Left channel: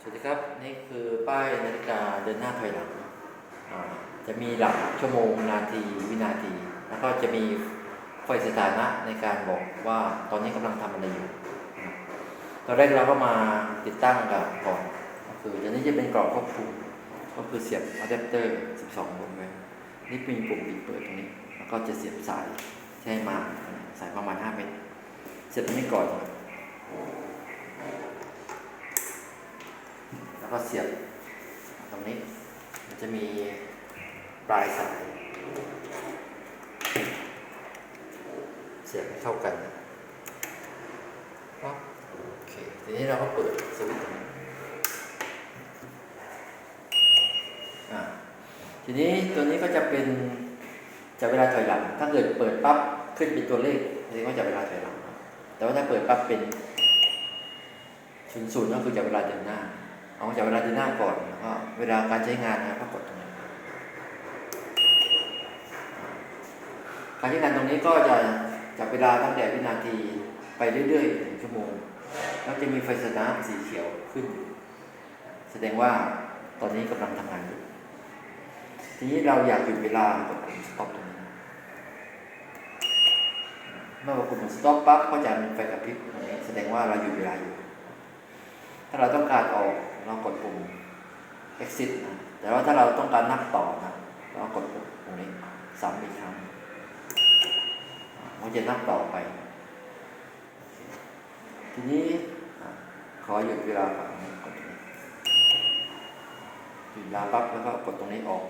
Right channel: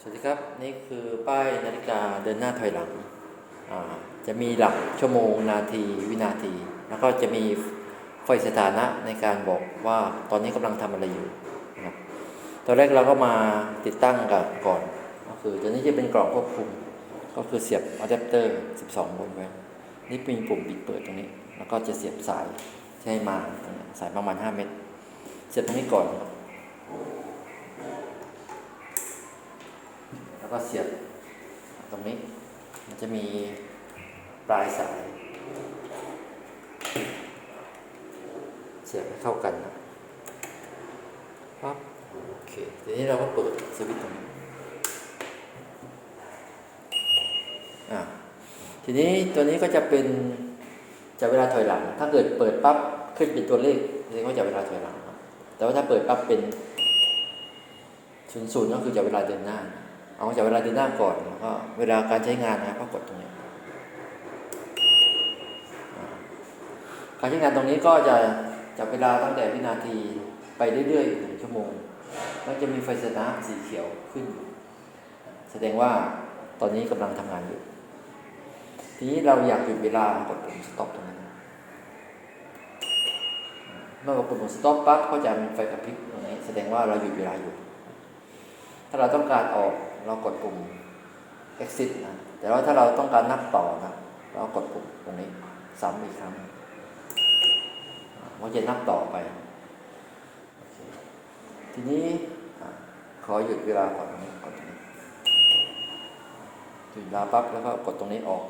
สวัสดีครับ นี่คือป้ายนาฬิกาเดินหน้าถอยหลัง จะมีหลักชั่วโมงนาทีวินาที แล้วก็จะมีไฟสถานะในการบอกว่าตอนนี้กำลังทำอะไรอยู่ตอนแรกเราก็มาติดตั้งกับก่อนก็คือตัวนี้จะเป็นกรอบควบคุม ก็คือเสียบอะแดปเตอร์ 12โวลต์ไว้นี่เป็นปุ่มปิดเปิดตรงนี้ แล้วก็จะเสียบสายใช้มาสายประมาณ 5 เมตร เสียบตรงนี้ก่อน แล้วก็เสียบตรงนี้ มันจะมีปลายสาย เสียบให้เข้ากันนะปั๊บโอเค ทีนี้เราก็เปิดสวิตช์ตรงนี้อ่าทีนี้ตัวนี้ก็จะเป็นจับเวลาถอยหลัง ถ้าเกิดเปิดปั๊บขึ้นเป็นตัวเลขเรียกว่าจับเวลาถอยหลัง แต่ว่าถ้าเปิดปั๊บเป็นศูนย์ศูนย์ก็คือจับเวลาเดินหน้า เอาจากเวลาเดินหน้าก่อนว่าเวลาการใช้งานนะก็กดตรงนี้การใช้งานตรงนี้ก็จะจากเวลาตั้งแต่วินาทีไปเรื่อยๆหนึ่งชั่วโมงแล้วจะมีไฟสตาร์ทสีเขียวขึ้นอยู่แสดงว่าตอนนี้กำลังทำงานอยู่ ทีนี้เราอยากหยุดเวลากดปุ่ม stop ตรงนี้เมื่อกดปุ่ม stop ปั๊บก็จะมีไฟกระพริบตรงนี้ แสดงว่าเราหยุดเวลาอยู่ ถ้าเราต้องการออก เรากดปุ่ม exit นะแต่ว่าถ้าเราต้องการนับต่อนะเรากดปุ่มตรงนี้ซ้ำอีกครั้งเราจะนับต่อไป ทีนี้ขอหยุดเวลาก่อนนี้กดตรงนี้หยุดเวลาปั๊บแล้วก็กดตรงนี้ออก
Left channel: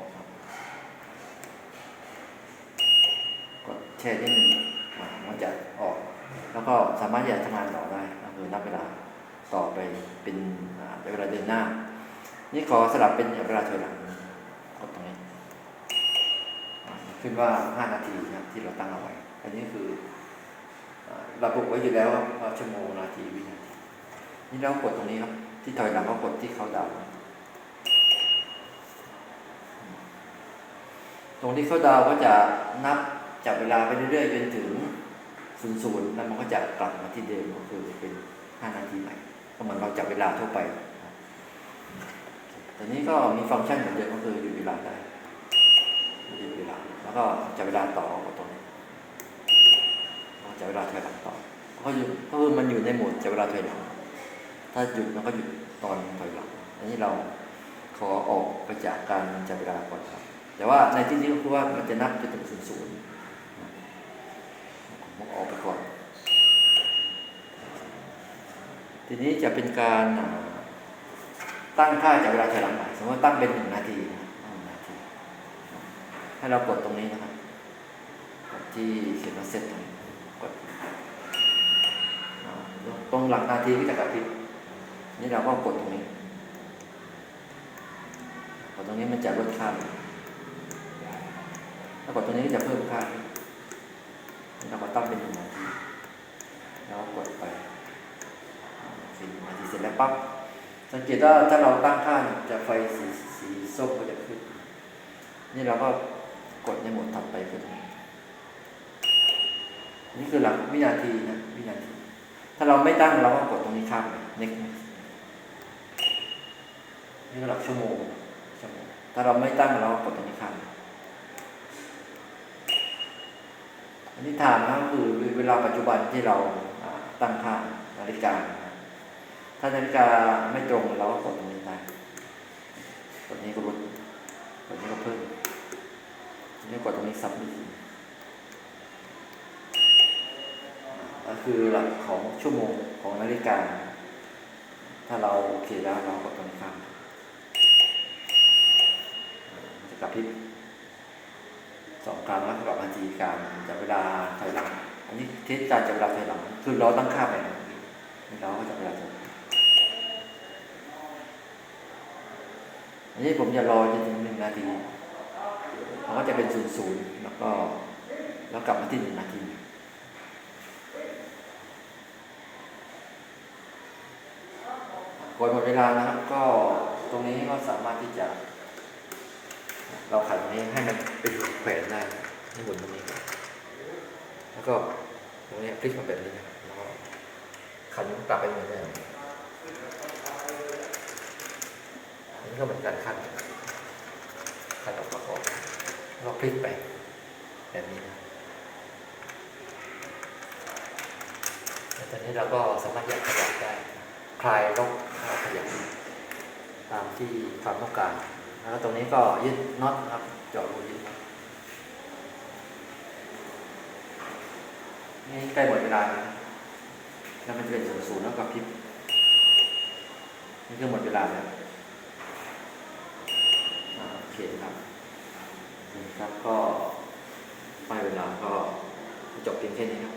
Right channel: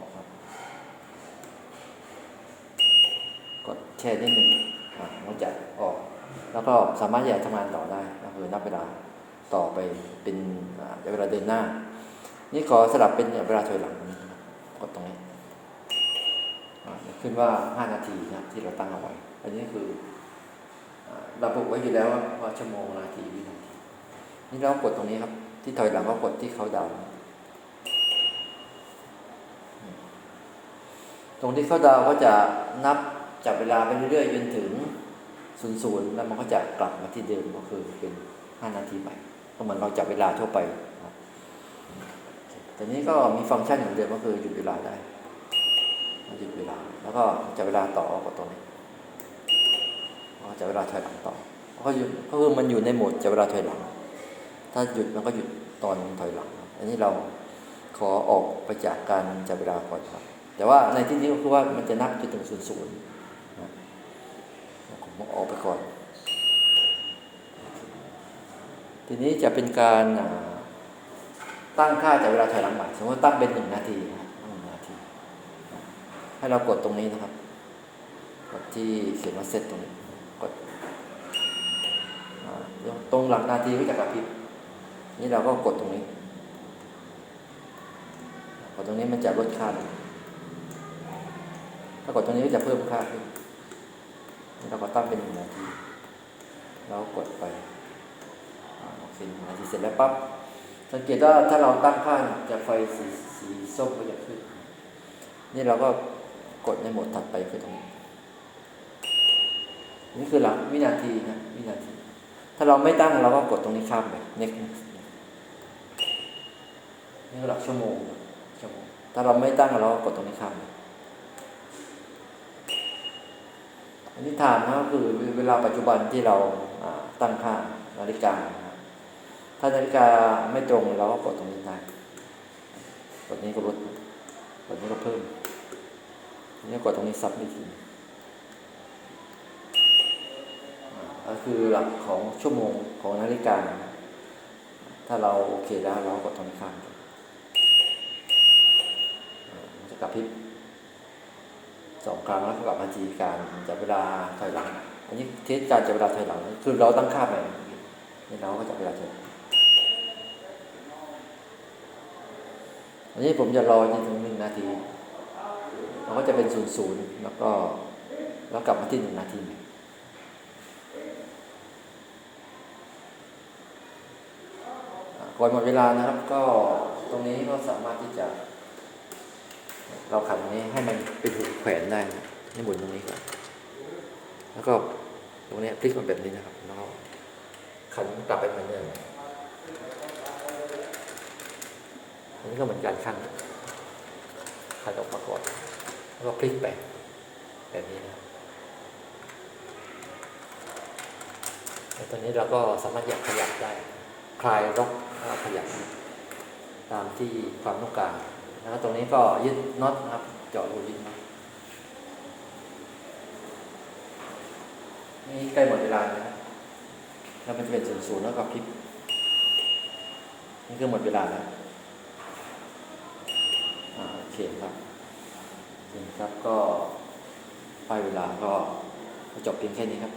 กดแช่นิดหนึ่งมันจะออก แล้วก็สามารถที่จะทำงานต่อได้ก็คือนับเวลา ต่อไปเป็นเวลาเดินหน้า นี่ขอสลับเป็นเวลาถอยหลังกดตรงนี้ขึ้นว่า 5 นาทีนะที่เราตั้งเอาไว้ อันนี้คืออ่าระบุไว้อยู่แล้วว่าชั่วโมงนาทีวินาที นี่เรากดตรงนี้ครับ ที่ถอยหลังก็กดที่เขาดาวตรงที่เขาดาวก็จะนับจากเวลาไปเรื่อยๆจนถึงศูนย์ศูนย์แล้วมันก็จะกลับมาที่เดิมก็คือเป็น5นาทีใหม่ ก็เหมือนเราจับเวลาทั่วไปแต่นี้ก็มีฟังก์ชันเหมือนเดิมก็คือหยุดเวลาได้หยุดเวลา แล้วก็จับเวลาต่อกดตรงนี้จับเวลาถอยหลังต่อก็หยุดก็คือมันอยู่ในโหมดจับเวลาถอยหลัง ถ้าหยุดมันก็หยุดตอนถอยหลัง อันนี้เราขอออกไปจากการจับเวลาก่อนครับแต่ว่าในที่นี้ก็คือว่ามันจะนับจนถึงศูนย์ศูนย์ผมออกไปก่อน ทีนี้จะเป็นการตั้งค่าจากเวลาถอยหลังใหม่สมมติตั้งเป็นหนึ่งนาทีหนึ่งนาที ให้เรากดตรงนี้นะครับ กดที่เขียนว่าเซตตรงนี้กดตรงหลังนาทีก็จะกระพริบนี่เราก็กดตรงนี้กดตรงนี้มันจะลดค่าลงถ้ากดตรงนี้ก็จะเพิ่มค่าเราก็ตั้งเป็นหนึ่งนาทีแล้วกดไป โอเคนาทีเสร็จแล้วปั๊บสังเกตว่าถ้าเราตั้งค่าจะไฟสีสีส้มก็จะขึ้น นี่เราก็กดในโหมดถัดไปคือตรงนี้นี่คือหลักวินาทีนะวินาที ถ้าเราไม่ตั้งเราก็กดตรงนี้ข้ามไป next นี่คือหลักชั่วโมงชั่วโมงถ้าเราไม่ตั้งเราก็กดตรงนี้ข้ามไปอันนี้ถามนะคือเวลาปัจจุบันที่เราอ่าตั้งค่านาฬิกา ถ้านาฬิกาไม่ตรงเราก็กดตรงนี้ได้กดนี้ก็ลดกดนี้ก็เพิ่มนนี้กดตรงนี้ซับอีกทีก็คือหลักของชั่วโมงของนาฬิกา ถ้าเราโอเคแล้วเราก็กดตรงนี้ข้ามจะกระพริบสองครั้งแล้วกลับมาทีการจับเวลาถอยหลังอันนี้เทสการจับเวลาถอยหลัง คือเราตั้งค่าแบบนี้เราก็จับเวลาถอยหลัง อันนี้ผมจะรอจนถึงหนึ่งนาทีมันก็จะเป็นศูนย์ศูนย์แล้วก็แล้วกลับมาที่หนึ่งนาทีก่อนหมดเวลานะครับก็ตรงนี้ก็สามารถที่จะ เราขันตรงนี้ให้มันเป็นแขวนได้นี่หมุนตรงนี้ก่อนแล้วก็ตรงนี้พลิกมันแบบนี้นะครับแล้วขันกลับไปเหมือนเดิม นี้ ก็เหมือนกันขั้นขั้นออกประกอบแล้วก็พลิกไปแบบนี้นะแล้วตอนนี้เราก็สามารถอยากขยับได้คลายล็อกถ้าขยับตามที่ความต้องการแล้วตรงนี้ก็ยึดน็อตนะครับเจาะรูยึดน็อตนี่ใกล้หมดเวลาแล้วแล้วมันจะเป็นศูนย์ศูนย์แล้วก็พลิกนี่คือหมดเวลาแล้ว เคครับนี่ครับก็ไปเวลาก็จบเพียงแค่นี้ครับ